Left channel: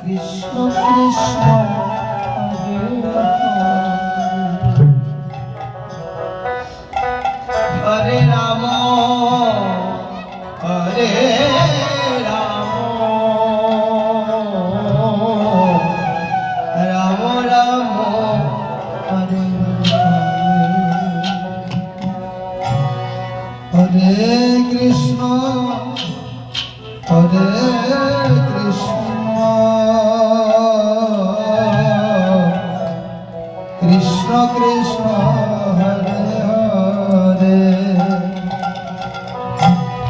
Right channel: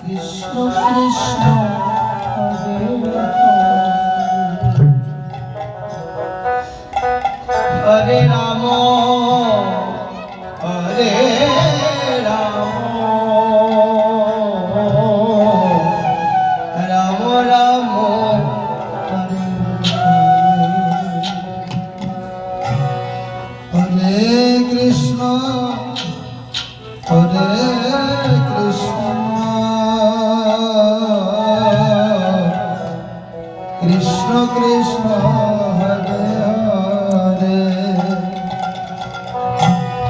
কৃষ্ণ কৃষ্ণ হরে রাম হরে রাম রাম রাম হরে হরে কৃষ্ণ হরে কৃষ্ণ কৃষ্ণ কৃষ্ণ হরে হরে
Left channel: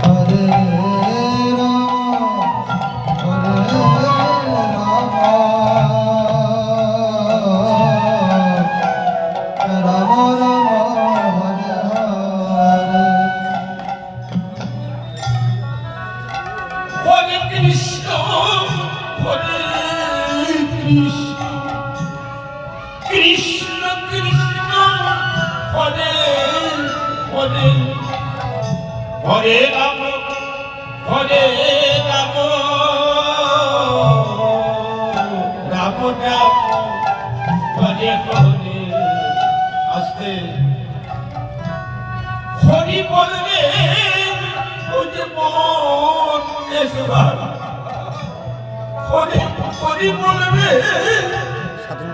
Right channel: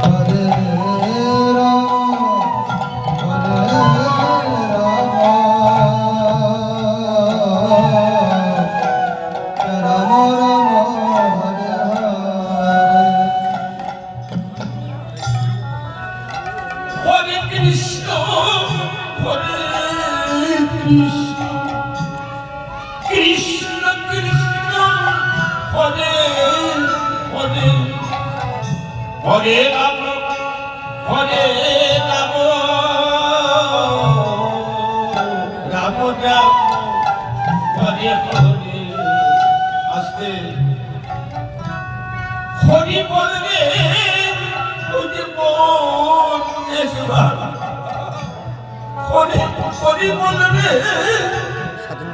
হরে রাম হরে রাম রাম রাম হরে হরে কৃষ্ণ হরে কৃষ্ণ কৃষ্ণ কৃষ্ণ হরে হরে হরে রাম হরে রাম রাম রাম হরে হরে আস্তে হরি বলবে বুঝে মন এসবার হরি হরি বলবে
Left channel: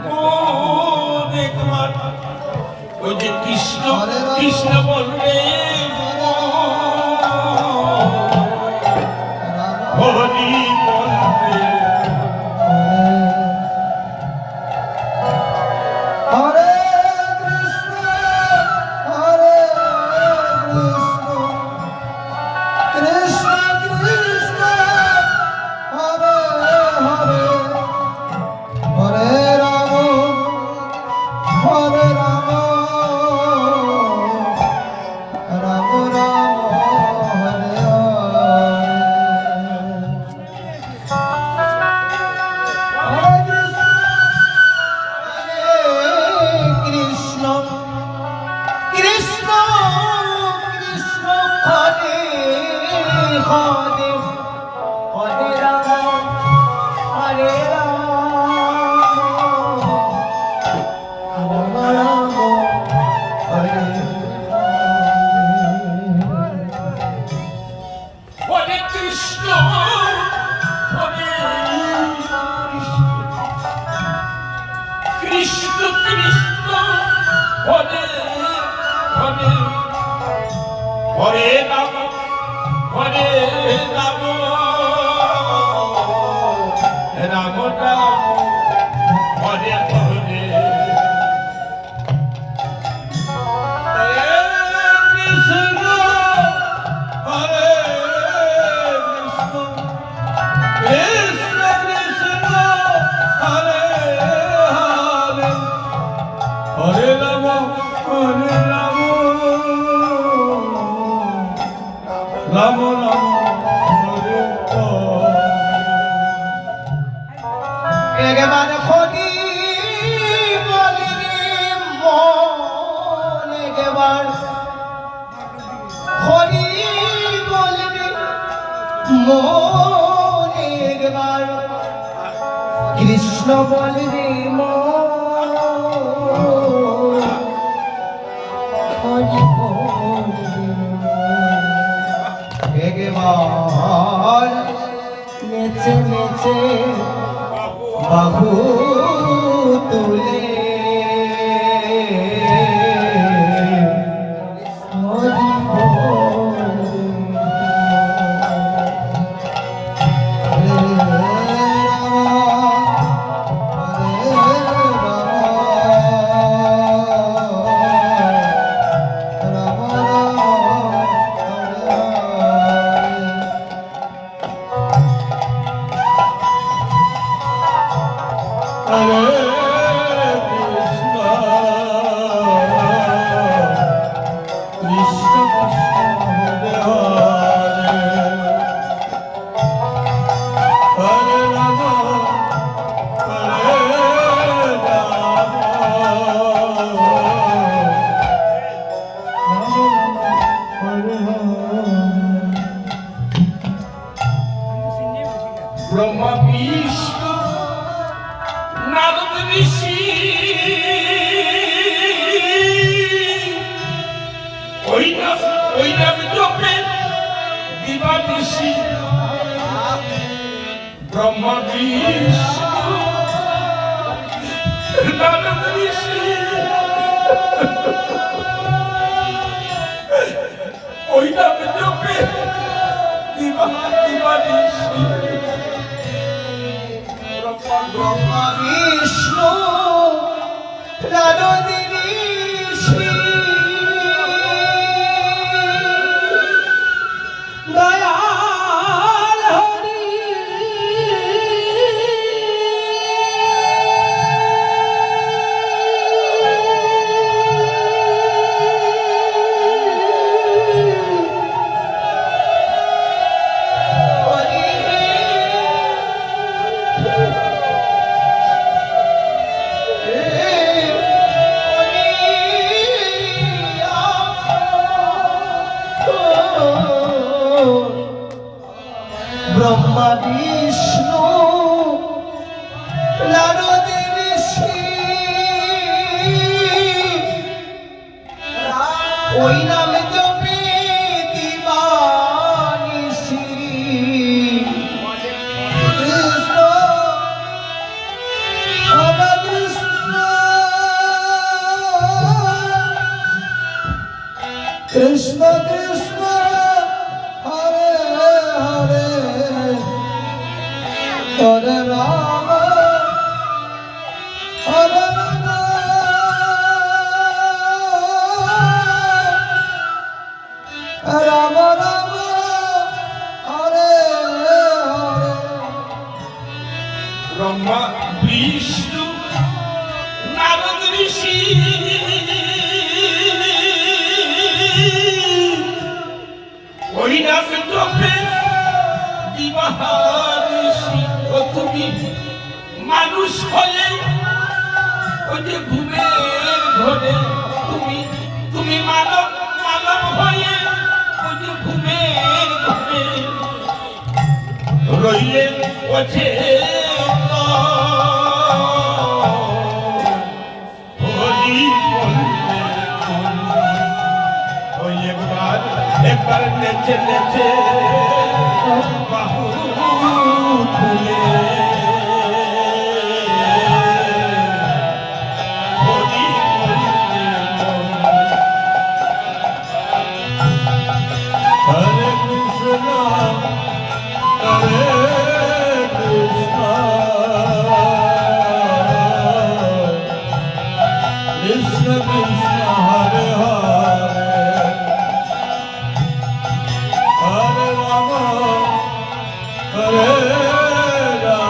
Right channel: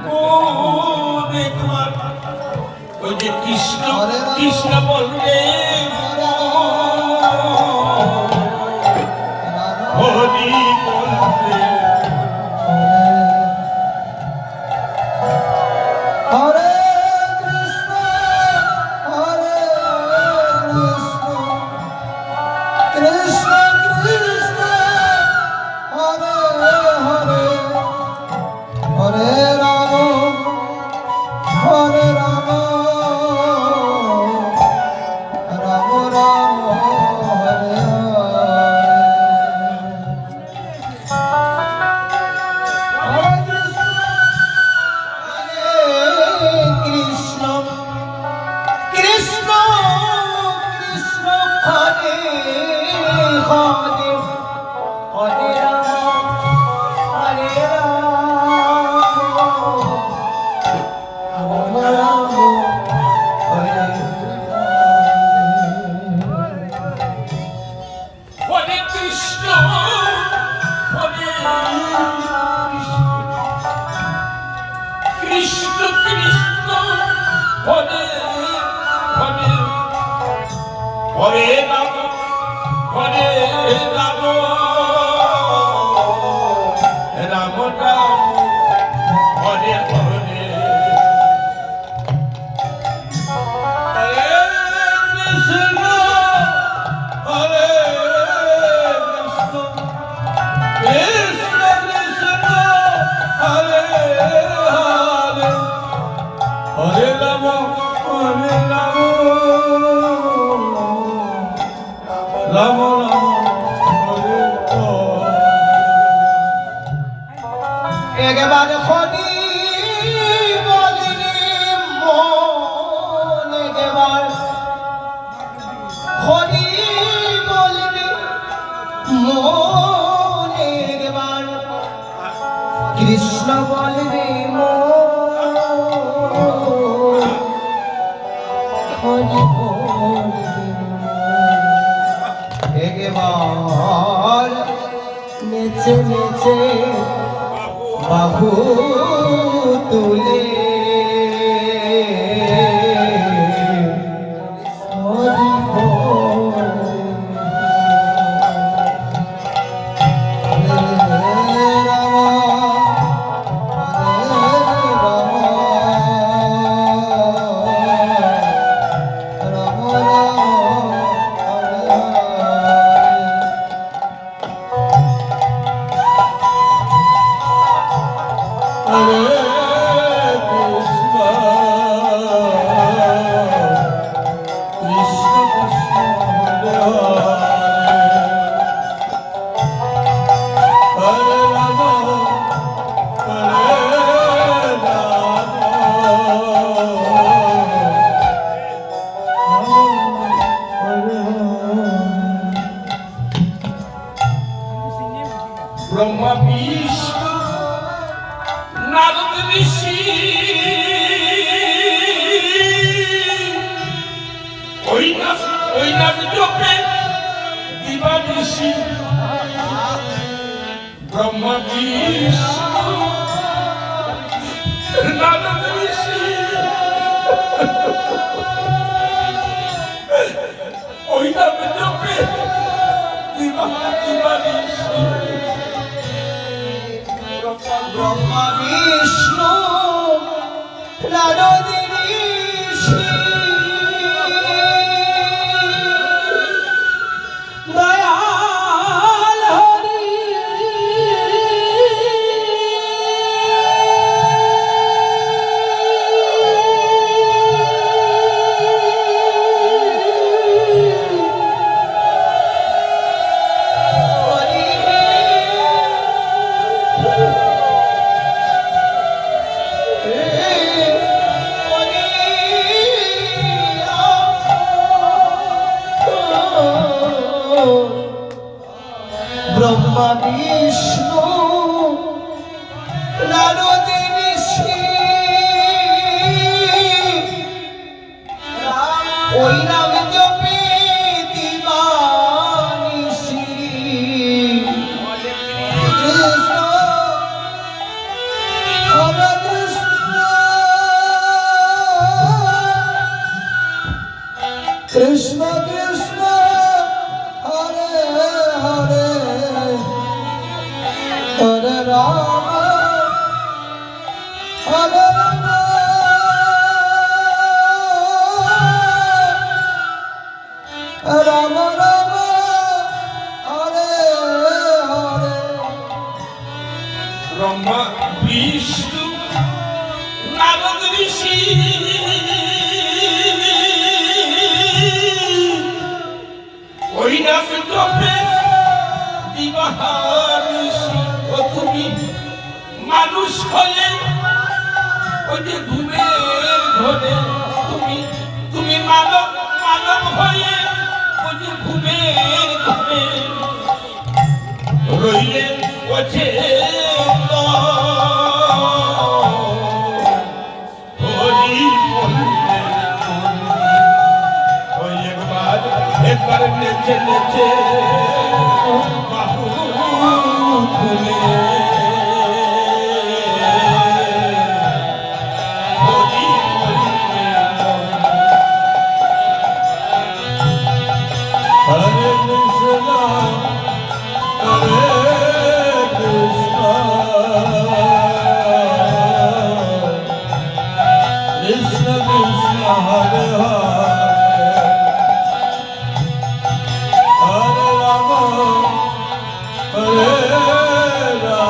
মন একবার ওই যে কৃষ্ণ কৃষ্ণ বলবে হরি বলবে হরে কৃষ্ণ হরে কৃষ্ণ কৃষ্ণ কৃষ্ণ হরে হরে হরে রাম হরে রাম রাম রাম হরে হরে কৃষ্ণ কৃষ্ণ কৃষ্ণ হরে হরে হরে রাম হরে রাম রাম হরে হরে কৃষ্ণ হরে কৃষ্ণ কৃষ্ণ হরে হরে হরে রাম হরে রাম রাম রাম হরে হরে হরে কৃষ্ণ হরে কৃষ্ণ কৃষ্ণ কৃষ্ণ হরে হরে হরে রাম হরে রাম রাম রাম হরে একবার হরি বলিনি মন একবার হরি বলিনি মন একবার কৃষ্ণ বলিনি মন হরি বলিনি একবার নেচে নেচে বাহু তুলে হরি বল হরে রাম রাম হরে হরে কৃষ্ণ কৃষ্ণ কৃষ্ণ হরে হরে রাম হরে রাম বিষ্ণু নারদ ঋষি ওই নাম জপে দিবানিশি ব্রহ্মা বিষ্ণু নারদ ঋষি ওই নাম জপে দিবানিশি ব্রহ্মা বিষ্ণু নারদ ঋষি দয়াল হরি ব্রহ্মা বিষ্ণু নারদ ঋষি ওই নাম জপে দিবানিশি কৃষ্ণ হরে কৃষ্ণ কৃষ্ণ হরে হরে হরে রাম হরে রাম রাম রাম হরে হরে ব্রহ্মা বিষ্ণু নারদ ঋষি ওই নাম জপে দিবানিশি ও তুমি মানুষ হয়ে ওই যে ঘুমের ঘরে তুমি মানব হয়ে ওই যে ঘুমের ঘরে রইলে ওছে একবার নেচে নেচে বাহু খুলে হরি হরে কৃষ্ণ হরে Krishna Krishna Krishna Hare Hare Hare Rama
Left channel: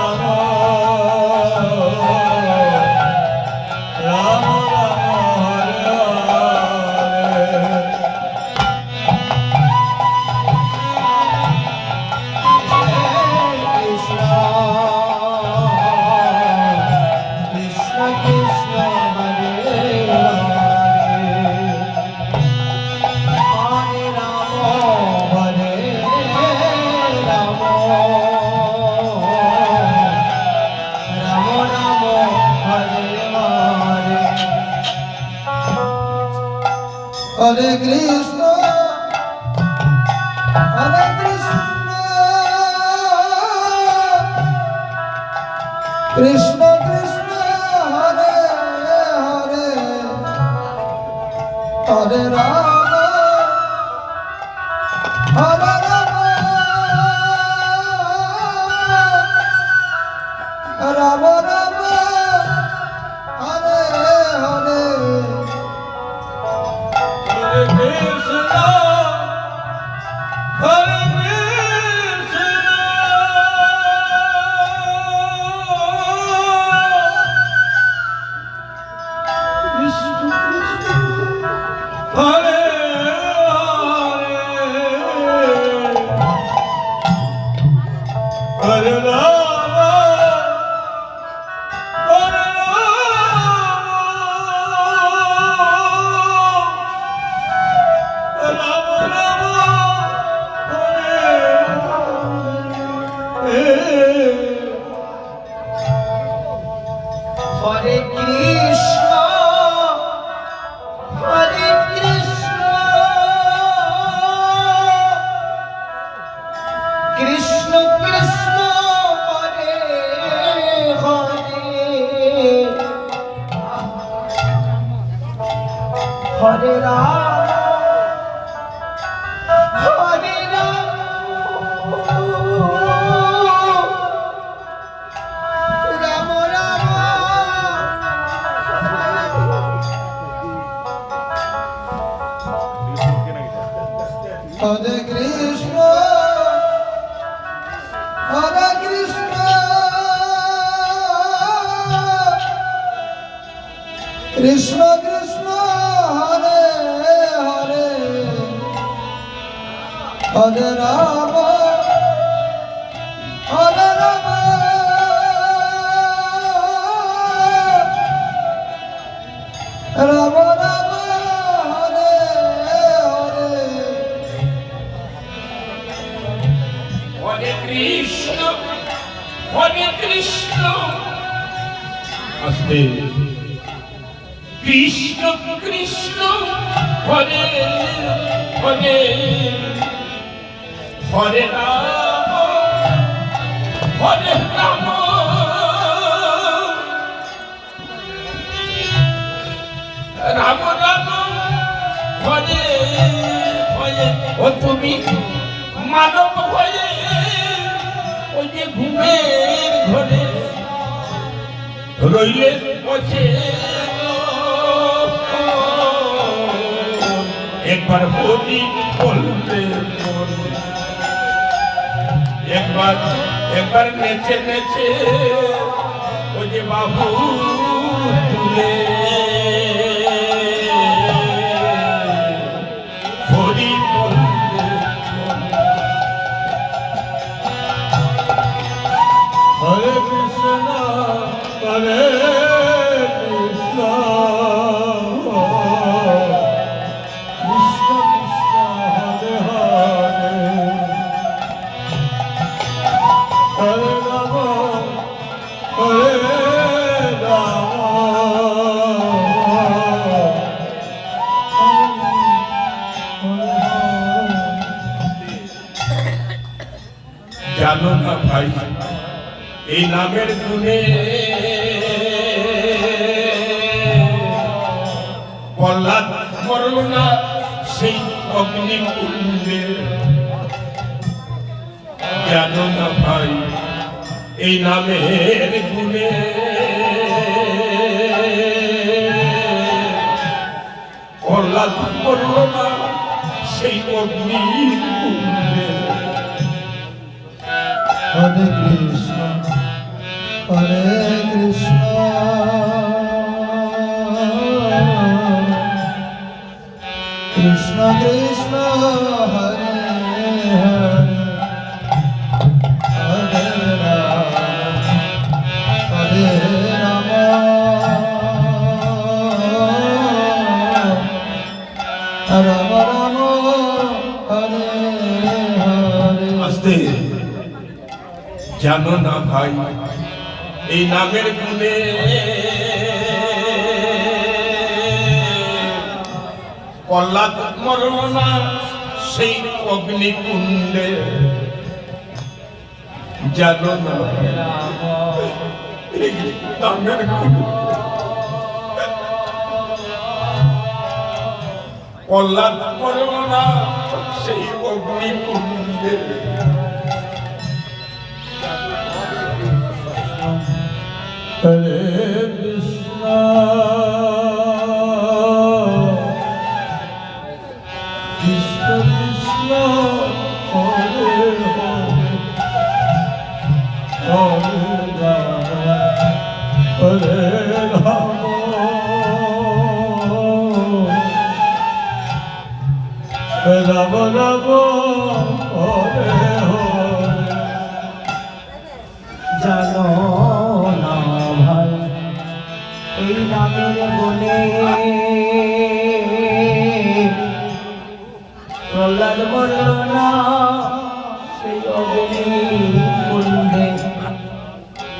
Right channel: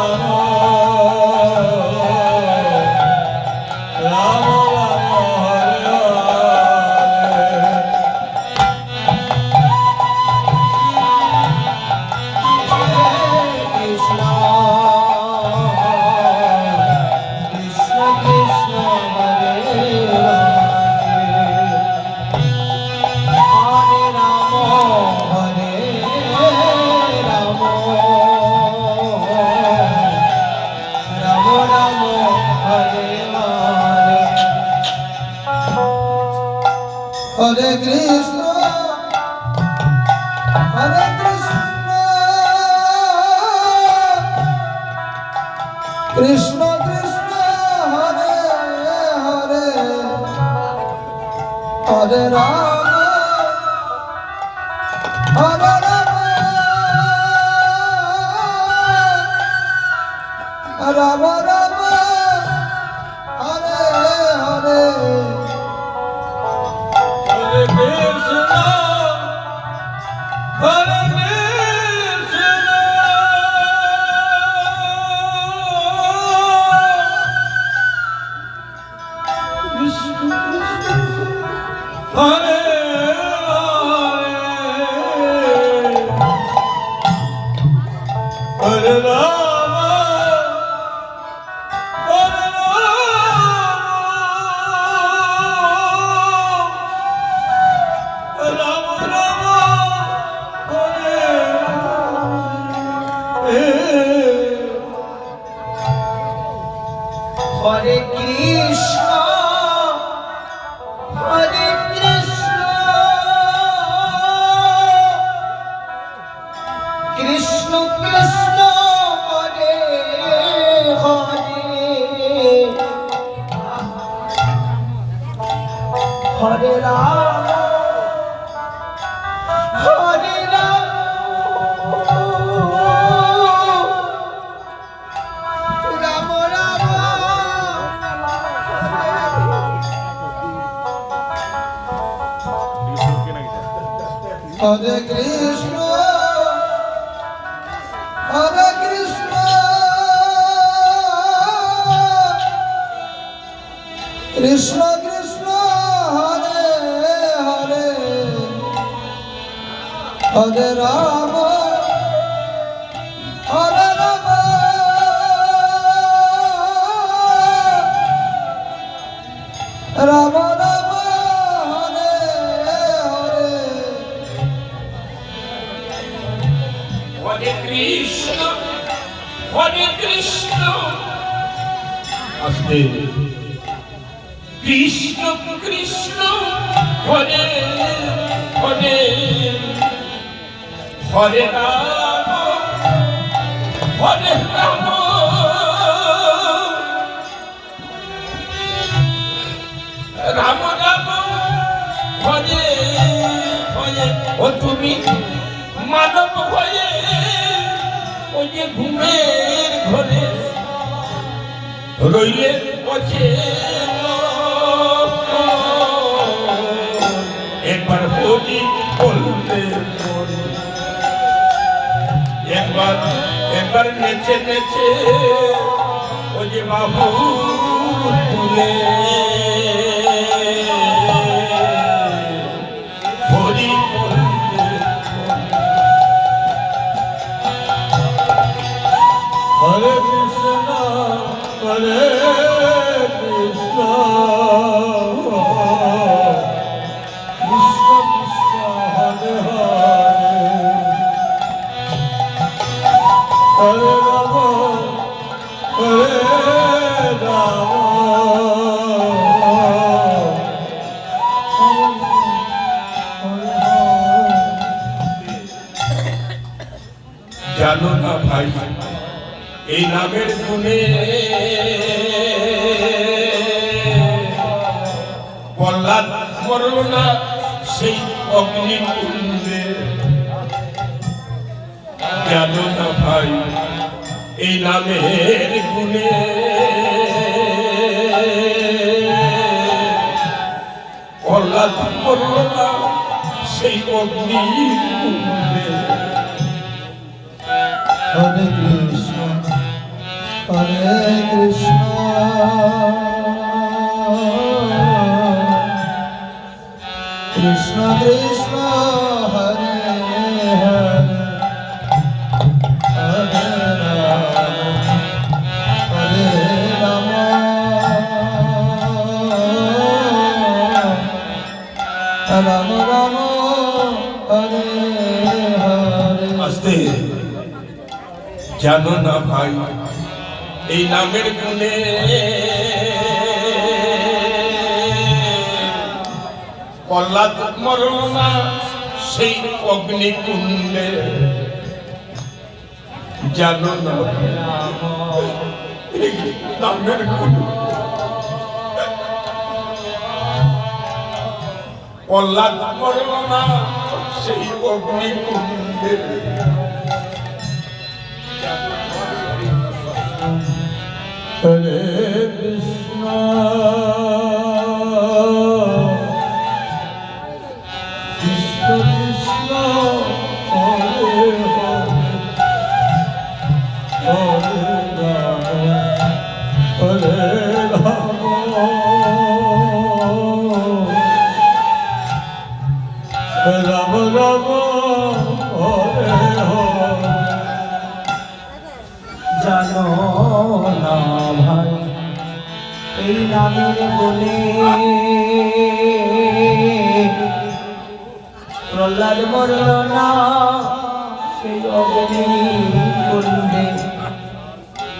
Hare Krishna, Hare Krishna, Krishna Krishna, Hare Hare, Hare Rama, Hare Rama, Rama Rama, Hare Hare. Hare Krishna, Hare Krishna. Aste. Krishna, Krishna, Hare Hare, Hare Rama, Hare Rama, Rama Rama, Hare Hare. ও তুমি মানব হয়ে ওই যে ঘুমের ঘরে রইলে বসে একবার হরি বলতে মনে একবার নেচে নেচে ওই যে বাহু তুলে হরি বলতে হরে কৃষ্ণ হরে কৃষ্ণ কৃষ্ণ কৃষ্ণ হরে হরে হরে রাম হরে জানো না ভাই এই নামের গুণে প্রহ্লাদ মরল না সেই অগ্নিকুণ্ডে জানো না ভাই এই নামের গুণে প্রহ্লাদ মরল না সেই অগ্নিকুণ্ডে Hare Krishna, Hare Krishna, Krishna Krishna, Hare Hare, Hare Rama, Hare Rama, Rama Rama, Hare Hare. আস্তে জানো না ভাই এই নামের গুণে প্রহ্লাদ মরল না সেই অগ্নিকুণ্ডে জানো না এই নামের গুণে প্রহ্লাদ মরল না সেই অগ্নিকুণ্ডে Hare Krishna, Krishna Krishna, Hare Hare, Hare Rama, Hare Rama, Rama Rama, Hare Hare. জানো না ভাই এই নামের গুণে প্রহ্লাদ মরল না সেই অগ্নি কুণ্ডে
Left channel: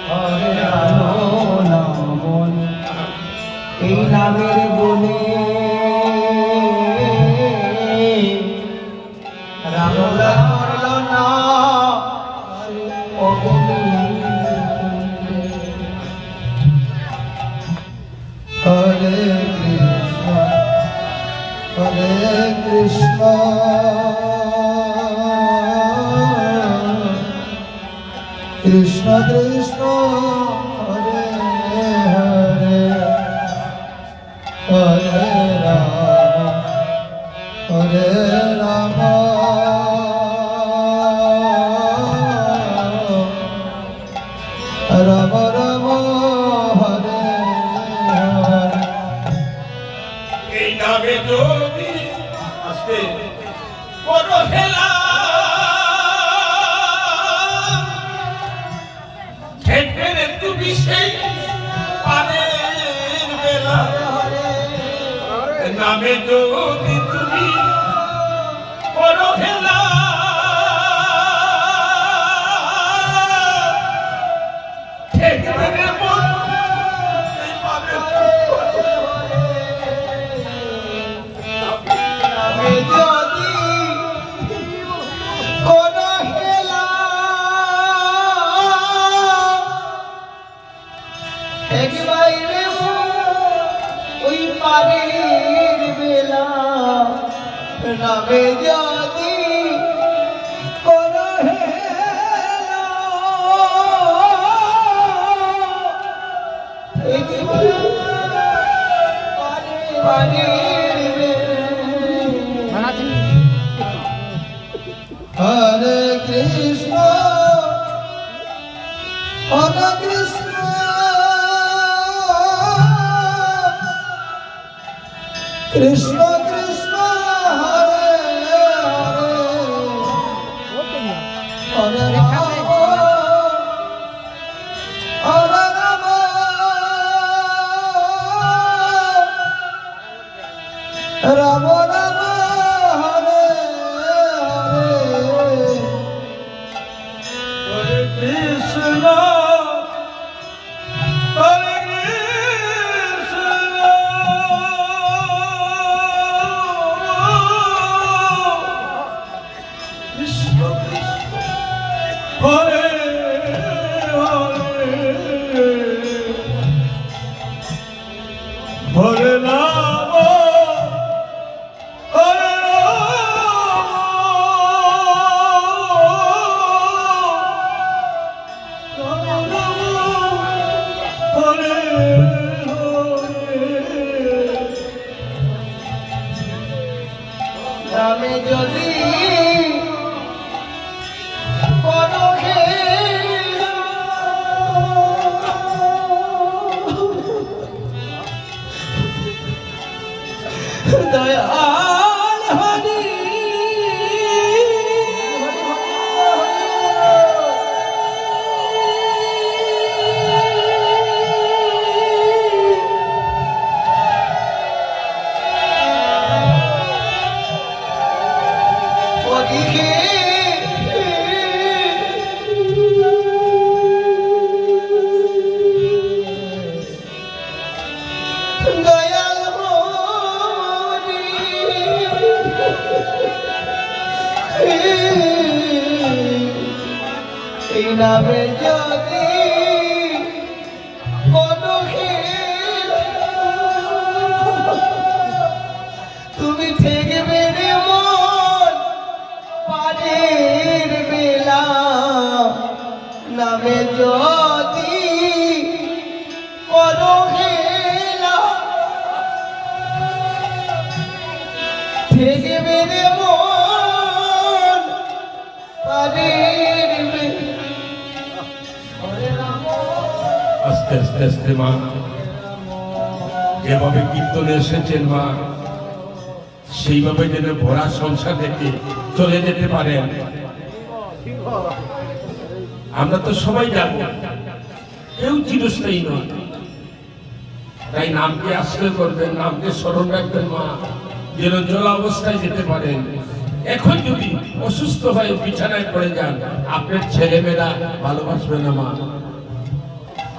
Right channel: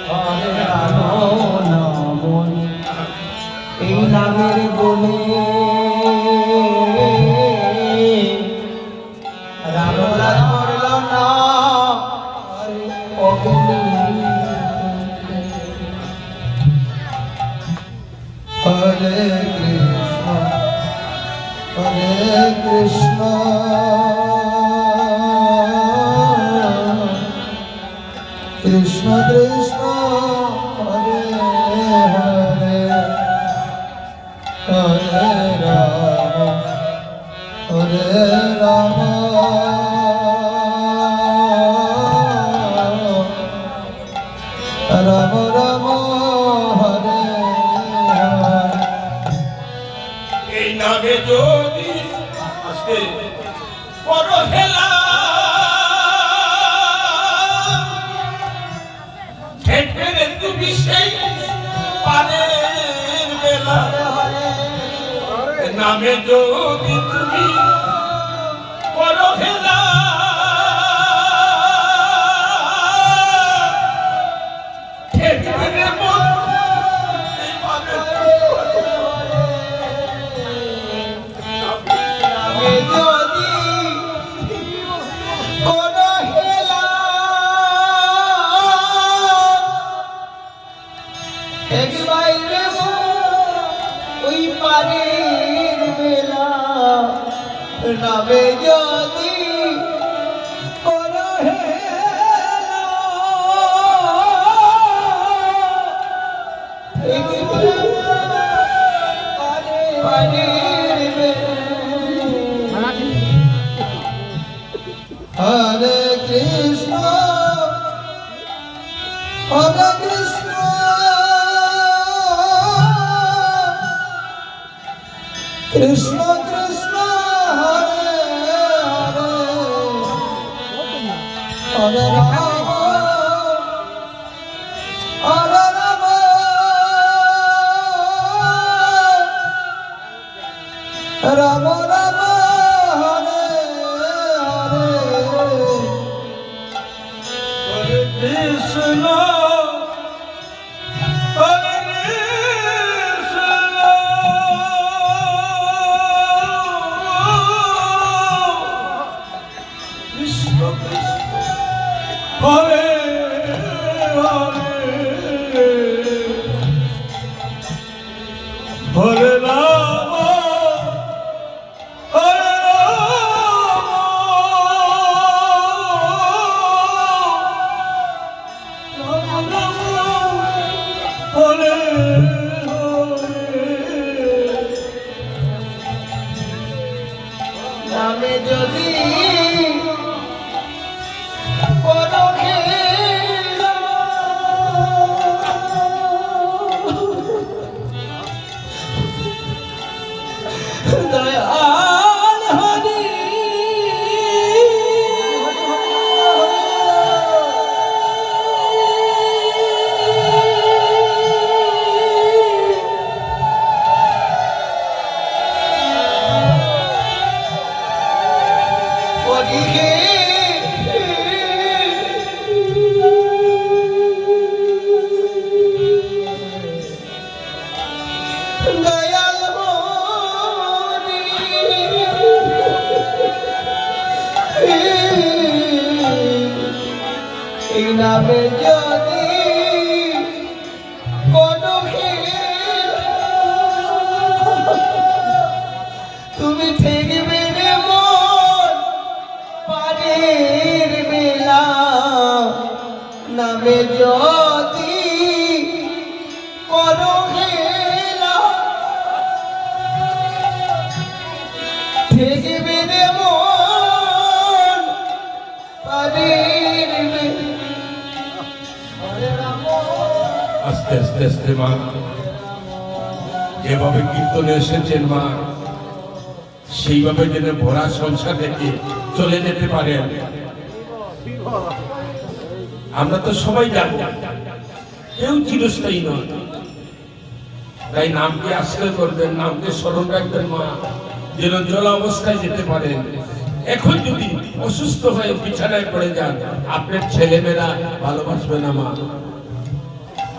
হরে রাম নাম এই নামের গুণে প্রহ্লাদ মরল না সেই অগ্নি Hare Krishna, Hare Krishna, Krishna Krishna, Hare Hare, Hare Rama, Hare Rama. যদি তুমি করো খেলা ঠেকবে রে মন এইভাবে নামে যদি কোনো হেলা একবার ওই পারের বেলা নামে যদি কোনো হেলা পারের বেলা হরে কৃষ্ণ হরে কৃষ্ণ কৃষ্ণ কৃষ্ণ হরে হরে হরে রাম হরে রাম রাম রাম হরে হরে কৃষ্ণ হরে কৃষ্ণ কৃষ্ণ কৃষ্ণ হরে হরে হরে রাম হরে হরে নামে যদি কোনো হেলা দয়াল হরি দয়াল হরি এই নামে যদি কোনো হেলা তুমি ঠেকবে রে মন পারের বেলা নামে যদি কোনো হেলা ঠেকবে রে মন পারের বেলা আস্তে আস্তে আস্তে মা যেভাবে কীর্তনে এসেছেন মা সেইভাবে যেন ভরা সংসার থেকে চলে যেতে পারেন। আমরা তো সবাই জানবো কেউ চিরস্থায়ী নয়, তাই নামকে আশ্রয় করবেন, নামকে স্মরণ রাখবেন মা, যেন জল অবস্থায় যেতে পারেন। এখন যদি অসুস্থ হয়ে বিছানায় পড়ে যান, আপনার ছেলেমেয়েরা ভালোবাসবে না মা।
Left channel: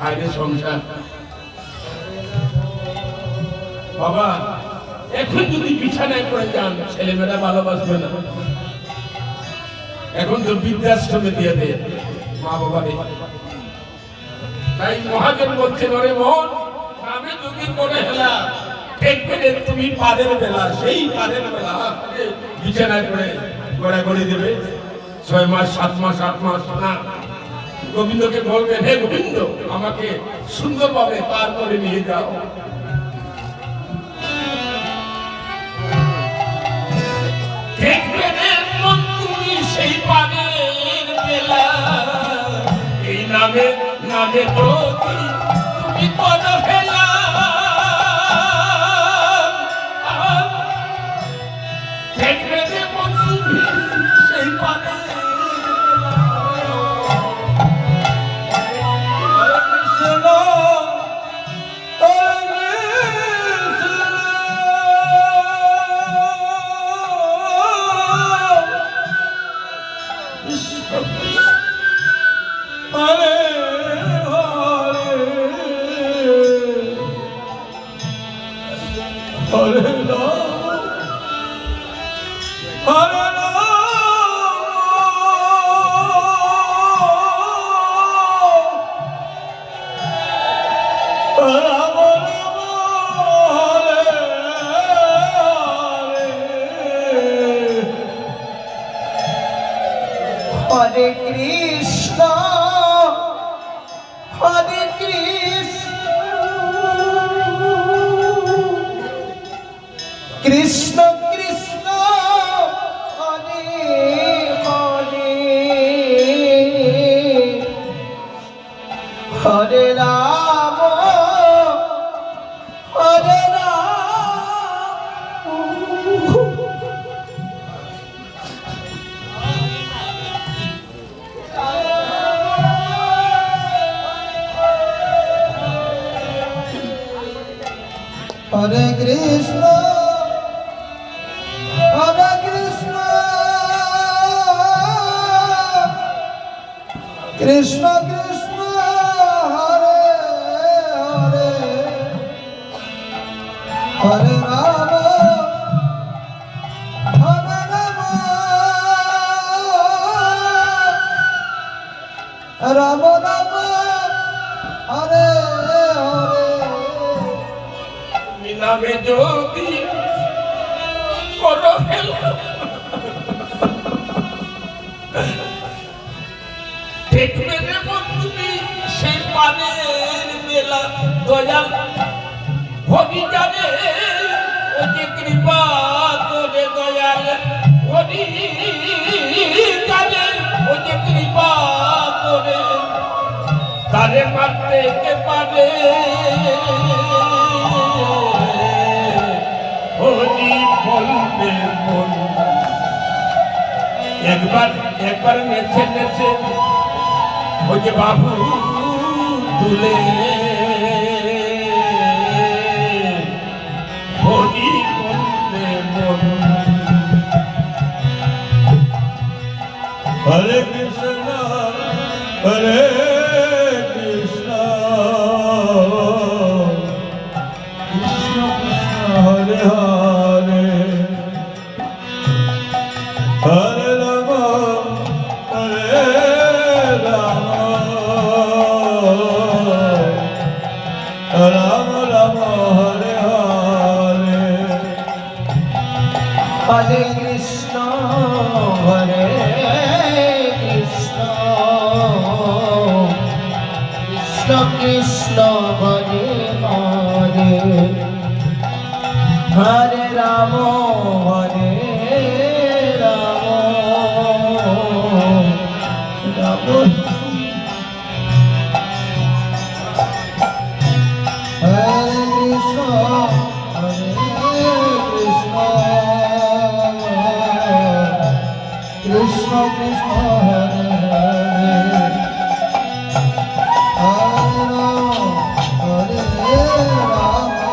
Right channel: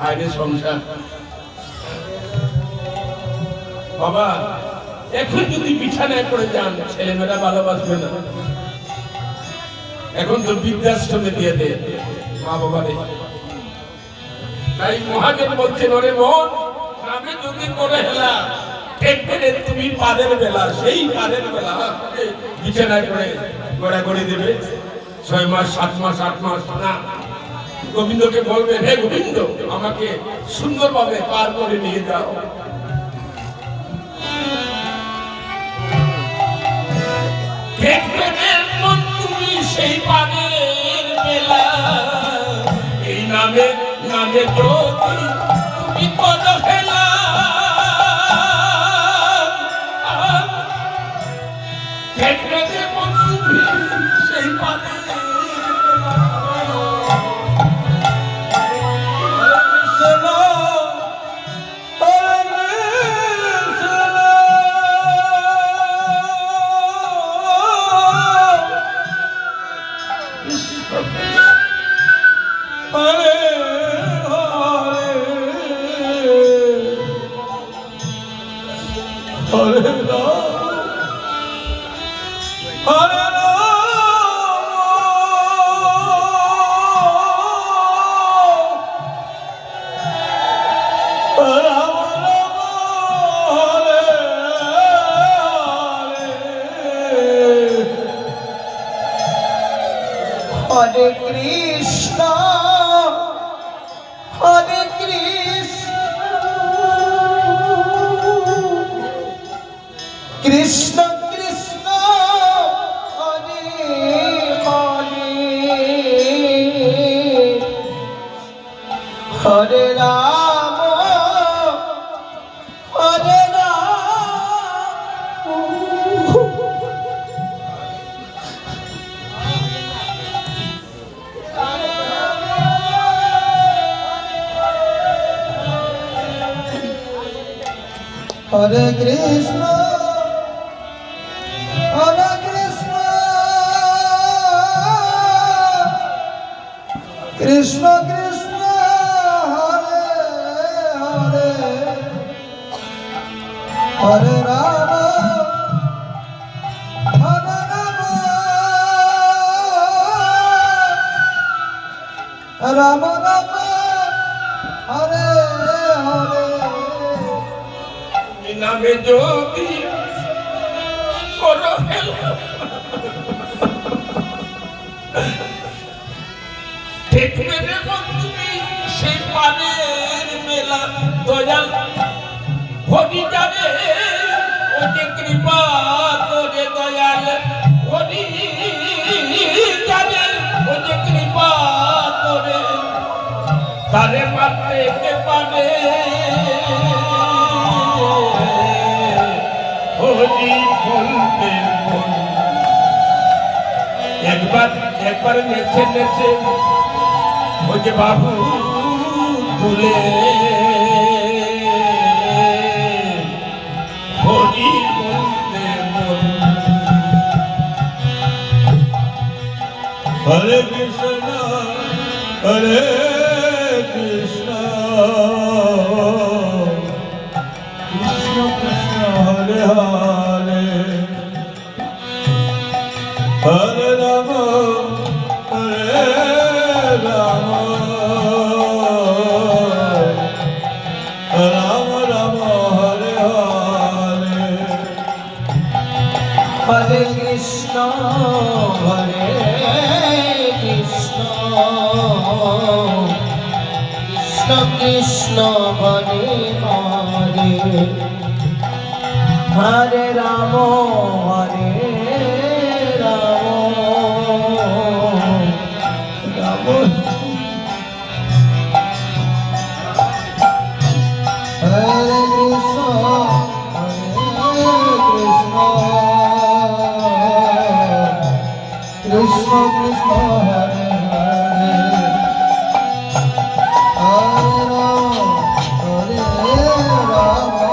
আইনে সংসার বাবা, এখন যদি বিছানায় পড়ে যান, ছেলেমেয়েরা ভালোবাসবে না। এখন তো বৃদ্ধাশ্রমে দিয়ে দেয় মা বাবারে। তাই মহাজন বলছেন, ওরে মন আমি যদি করে হেলা দেখবে যে তুমি পারের বেলা, সেই পারের বেলা বিছানায় পড়ে গড়াগড়ি দেবে 6 মাস 7 মাস 8 মাস না। গোবিন্দকে বলবেন, হে গোবিন্দ আমাকে সুন্দরভাবে পার করে নিয়ে যাও। দেখবে মন তুমি সেই পারের বেলা, এই নামে নামে তো তুমি করো ফেলা। দেখবে মন তুমি সেই পারের হরে কৃষ্ণ হরে কৃষ্ণ কৃষ্ণ কৃষ্ণ হরে হরে হরে রাম হরে Hare Krishna, Hare Krishna, Krishna Krishna, Hare Hare, Hare Rama, Hare Rama, Rama Rama, Hare Hare. নামে যদি কোনো দেখবে যখন তুমি সেই পানের মেলা দয়াল হরি জানে ওকে কৃপা করে দয়াল হরি জানে ওকে কৃপা করে তারে মারতে পারে হরি বলতে মন একবার নেচে নেচে ওকে বাবু তুলে হরি বলতে মন হরে কৃষ্ণ হরে Krishna Hare Hare Hare Rama Hare Rama Rama Rama Hare Hare Hare Krishna Hare Krishna Krishna Krishna Hare Hare Hare Rama Hare Rama Rama Hare Krishna, Hare Krishna, Krishna Krishna, Hare Hare, Hare Rama,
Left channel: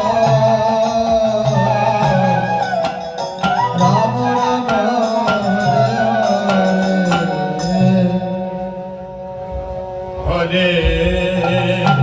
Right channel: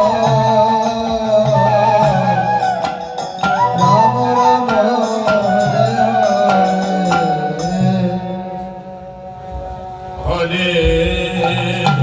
Rama Rama, Hare Hare. Hare